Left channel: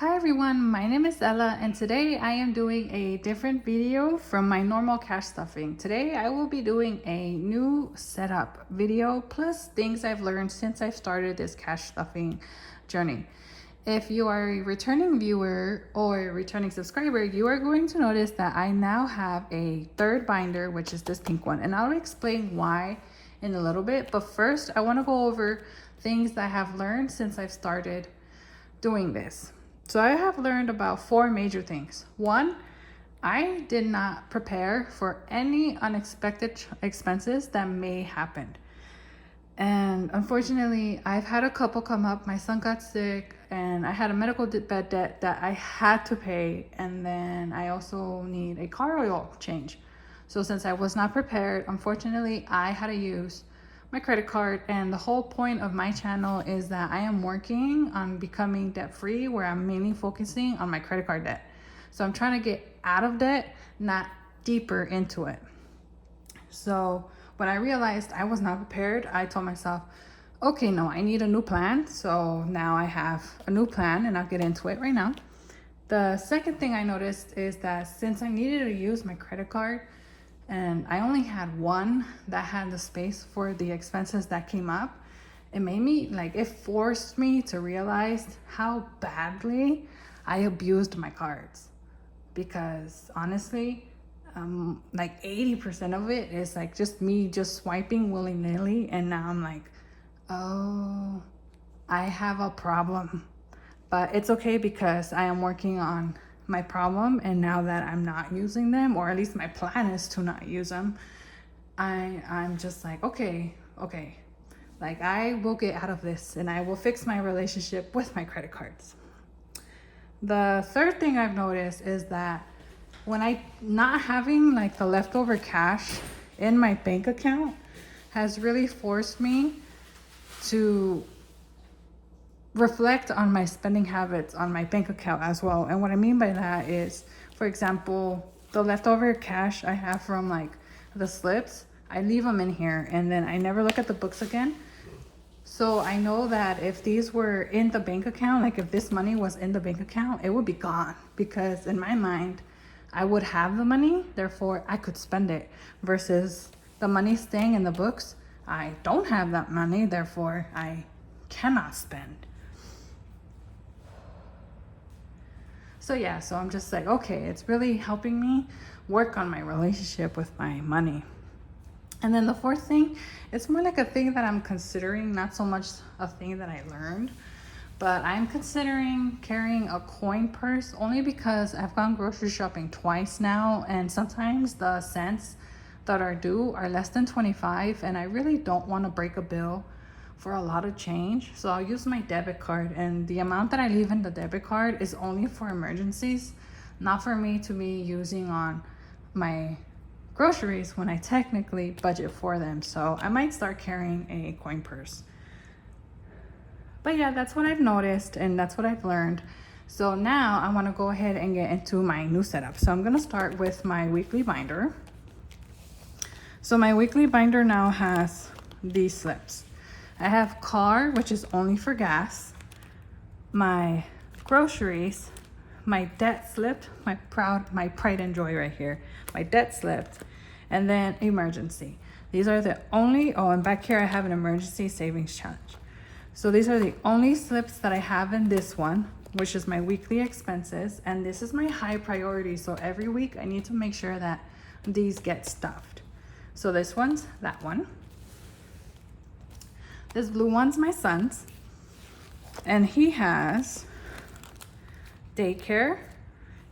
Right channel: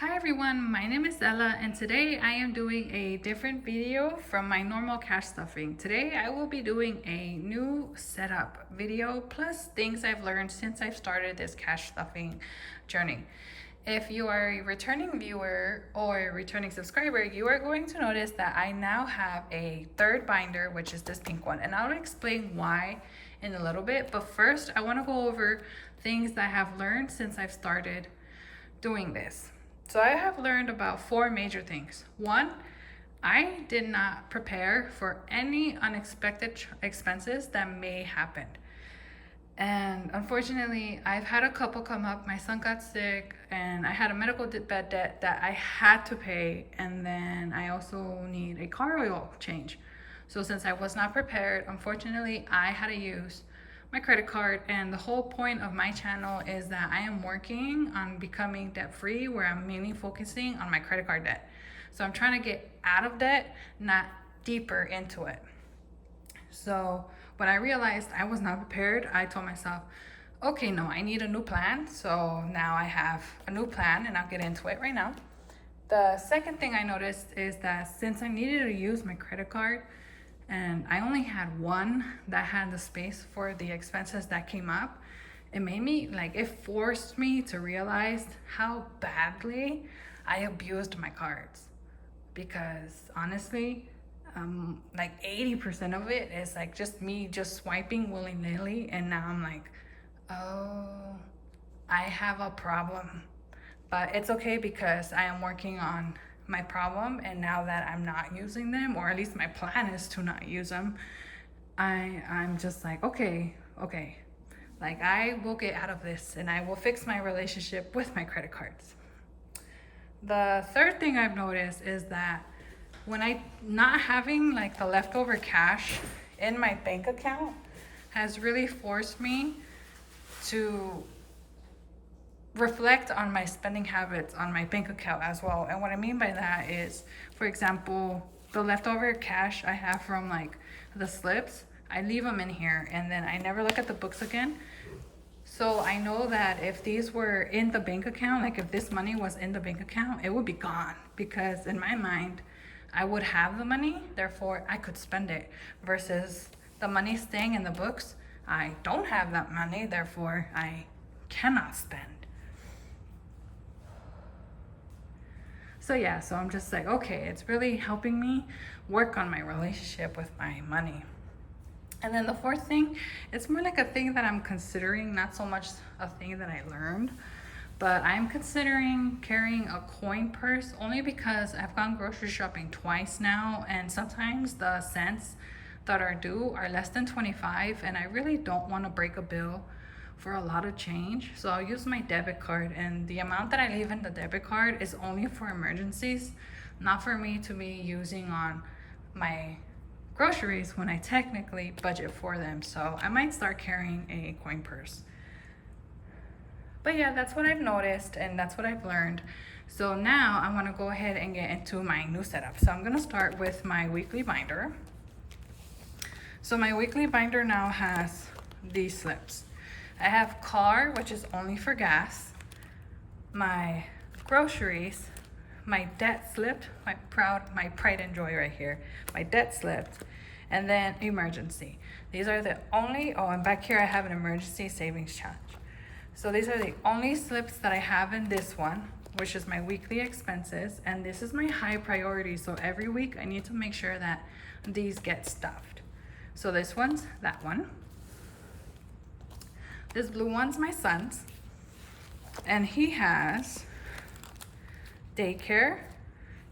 Hi everyone, my name is Ella and today I am doing a different video from my normal cash stuffing. Today I will be doing a new setup video plus things I've learned since I've started this cash stuffing journey. If you are a returning viewer or a returning subscriber, you are going to notice that I now have a third binder, which is this pink one, and I'll explain why in a little bit. But first I want to go over things that I have learned since I've started doing this. So I have learned about 4 major things. 1, I did not prepare for any unexpected expenses that may happen. And unfortunately, I've had a couple come up. My son got sick and I had a medical bed debt that I had to pay. And then I also need a car oil change. So since I was not prepared, unfortunately, I had to use my credit card, and the whole point of my channel is that I am working on becoming debt free, where I'm mainly focusing on my credit card debt. So I'm trying to get out of debt, not deeper into it. So when I realized I was not prepared, I told myself, okay, no, I need a new plan. So now I have a new plan and I'll get into it right now. The second thing I noticed is that since I needed to use my credit card, and I only had one that had the space for the expenses that came up, it forced me to realize how badly I abused my cards. Because honestly, 80% of it is like just me just swiping willy-nilly, and now I'm like, oh, I have a problem. But it's okay because I am working on my problem, and now that I'm not using them, or at least my plan is to not use them, I'm just like, okay, like I will get out of this and I will fix my relationship with my credit cards. The third thing I've noticed is that when I not having like the leftover cash in my bank account has really forced me to reflect on my spending habits on my bank account as well. And what I mean by that is, for example, the leftover cash I have from like the slips, I leave them in here and then I never look at the books again. So I know that if these were in the bank account, like if this money was in the bank account, it would be gone, because in my mind I would have the money, therefore I could spend it, versus the money staying in the books, I don't have that money, therefore I cannot spend. So yeah, so I'm just like, okay, it's really helping me work on my relationship with my money. And then the fourth thing, it's more like a thing that I'm considering, not so much a thing that I learned, but I'm considering carrying a coin purse, only because I've gone grocery shopping twice now, and sometimes the cents that are due are less than 25, and I really don't want to break a bill for a lot of change. So I'll use my debit card, and the amount that I leave in the debit card is only for emergencies, not for me to be using on my groceries when I technically budget for them. So I might start carrying a coin purse. But yeah, that's what I've noticed and that's what I've learned. So now I want to go ahead and get into my new setup. So I'm going to start with my weekly binder. So my weekly binder now has these slips. I have car, which is only for gas, my groceries, my debt slip, my pride and joy right here, my debt slip, and then emergency. These are the only, oh, and back here I have an emergency savings challenge. So these are the only slips that I have in this one, which is my weekly expenses, and this is my high priority. So every week I need to make sure that these get stuffed. So this one's that one. This blue one's my son's, and he has daycare.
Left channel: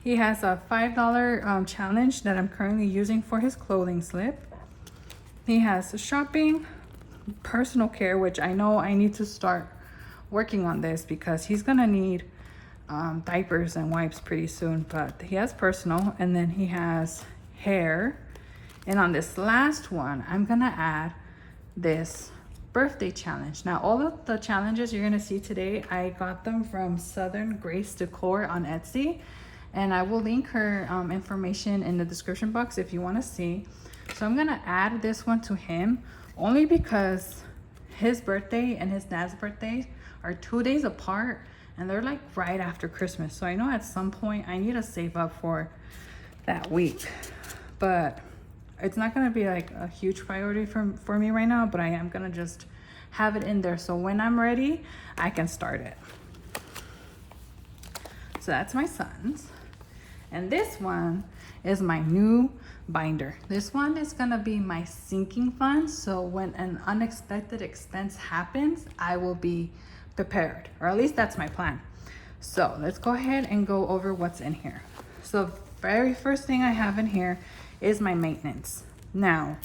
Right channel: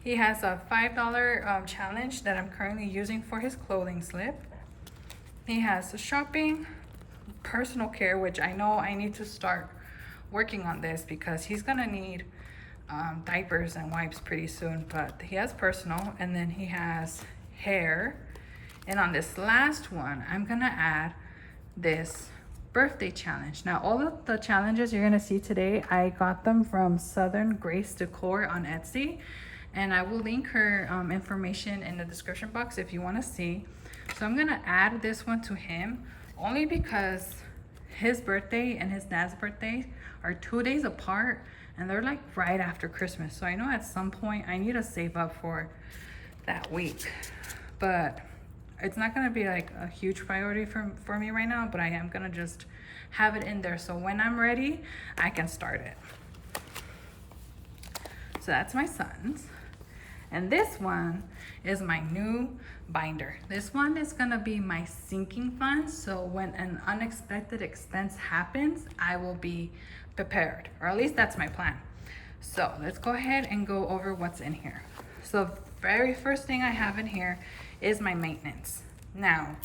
He has a $5 challenge that I'm currently using for his clothing slip. He has shopping, personal care, which I know I need to start working on this because he's gonna need diapers and wipes pretty soon, but he has personal, and then he has hair. And on this last one, I'm gonna add this birthday challenge. Now, all of the challenges you're gonna see today, I got them from Southern Grace Decor on Etsy, and I will link her information in the description box if you want to see. So I'm gonna add this one to him only because his birthday and his dad's birthday are 2 days apart, and they're like right after Christmas. So I know at some point I need to save up for that week, but it's not gonna be like a huge priority for me right now, but I am gonna just have it in there so when I'm ready, I can start it. So that's my son's. And this one is my new binder. This one is gonna be my sinking fund. So when an unexpected expense happens, I will be prepared, or at least that's my plan. So let's go ahead and go over what's in here. So very first thing I have in here is my maintenance. Now,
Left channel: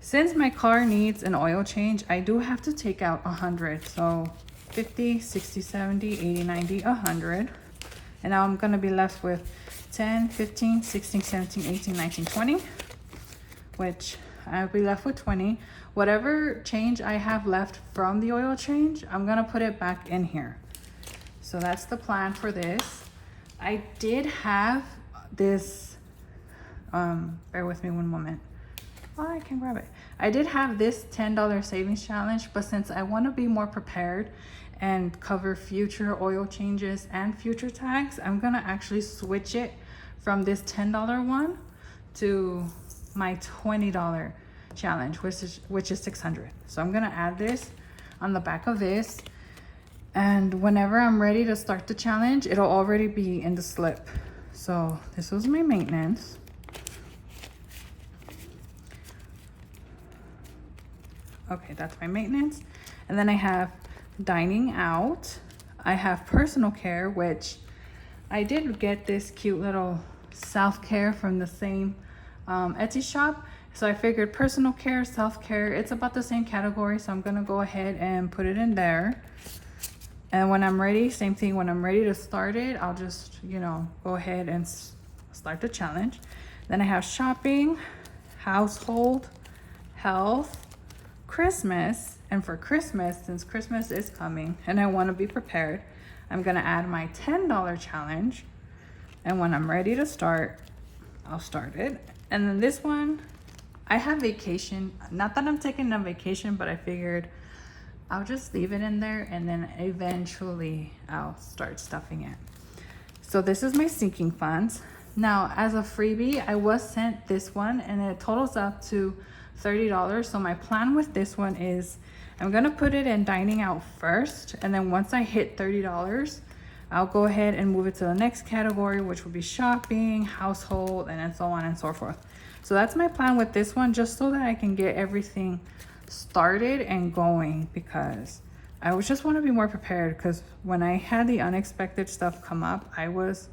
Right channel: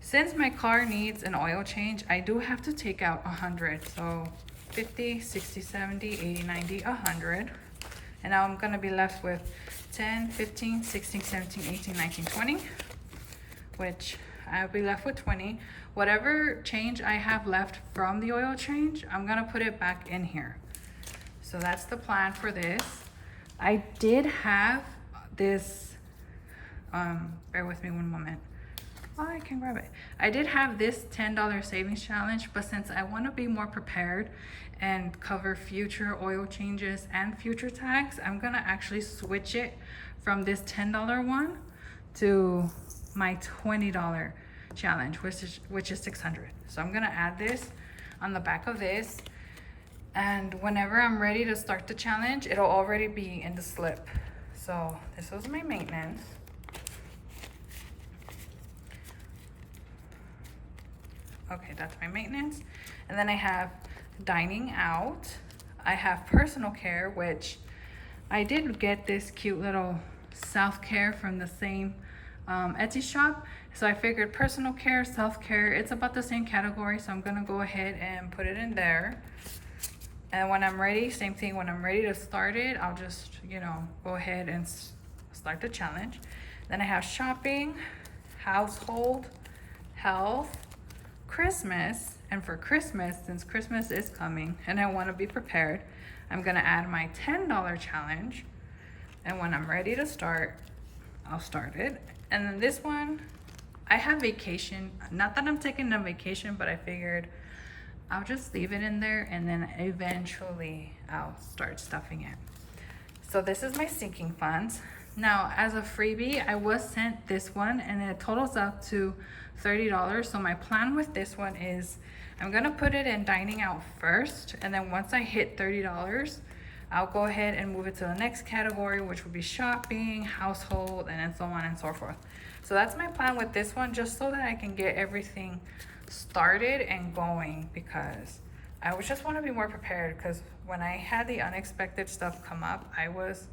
since my car needs an oil change, I do have to take out 100. So 50, 60, 70, 80, 90, 100. And now I'm gonna be left with 10, 15, 16, 17, 18, 19, 20, which I'll be left with 20. Whatever change I have left from the oil change, I'm gonna put it back in here. So that's the plan for this. I did have this, bear with me one moment. Oh, I can grab it. I did have this $10 savings challenge, but since I want to be more prepared and cover future oil changes and future tags, I'm gonna actually switch it from this $10 one to my $20 challenge, which is 600. So I'm gonna add this on the back of this, and whenever I'm ready to start the challenge, it'll already be in the slip. So this was my maintenance. Okay, that's my maintenance. And then I have dining out. I have personal care, which I did get this cute little self-care from the same Etsy shop. So I figured personal care, self-care, it's about the same category. So I'm gonna go ahead and put it in there. And when I'm ready, same thing, when I'm ready to start it, I'll just, you know, go ahead and start the challenge. Then I have shopping, household, health, Christmas. And for Christmas, since Christmas is coming and I want to be prepared, I'm gonna add my $10 challenge. And when I'm ready to start, I'll start it. And then this one, I have vacation. Not that I'm taking a vacation, but I figured I'll just leave it in there and then eventually I'll start stuffing it. So this is my sinking funds. Now, as a freebie, I was sent this one and it totals up to $30. So my plan with this one is I'm gonna put it in dining out first, and then once I hit $30, I'll go ahead and move it to the next category, which would be shopping, household, and then so on and so forth. So that's my plan with this one, just so that I can get everything started and going, because I was just want to be more prepared, because when I had the unexpected stuff come up, I was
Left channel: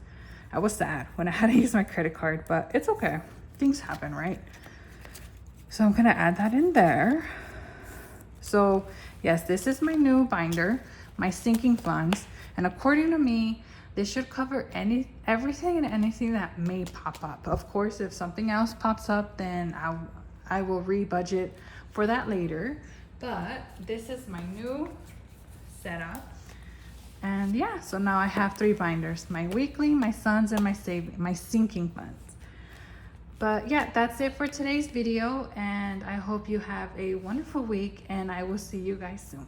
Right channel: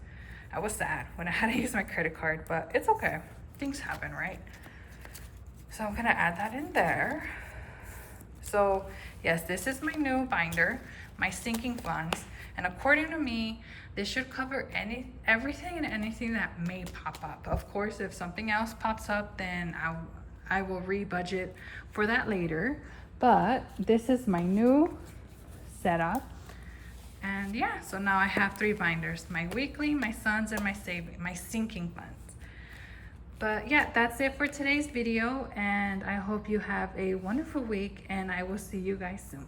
sad when I had to use my credit card, but it's okay. Things happen, right? So I'm gonna add that in there. So yes, this is my new binder, my sinking funds. And according to me, this should cover everything and anything that may pop up. Of course, if something else pops up, then I will re-budget for that later. But this is my new setup. And yeah, so now I have 3 binders, my weekly, my son's, and my sinking funds. But yeah, that's it for today's video, and I hope you have a wonderful week, and I will see you guys soon.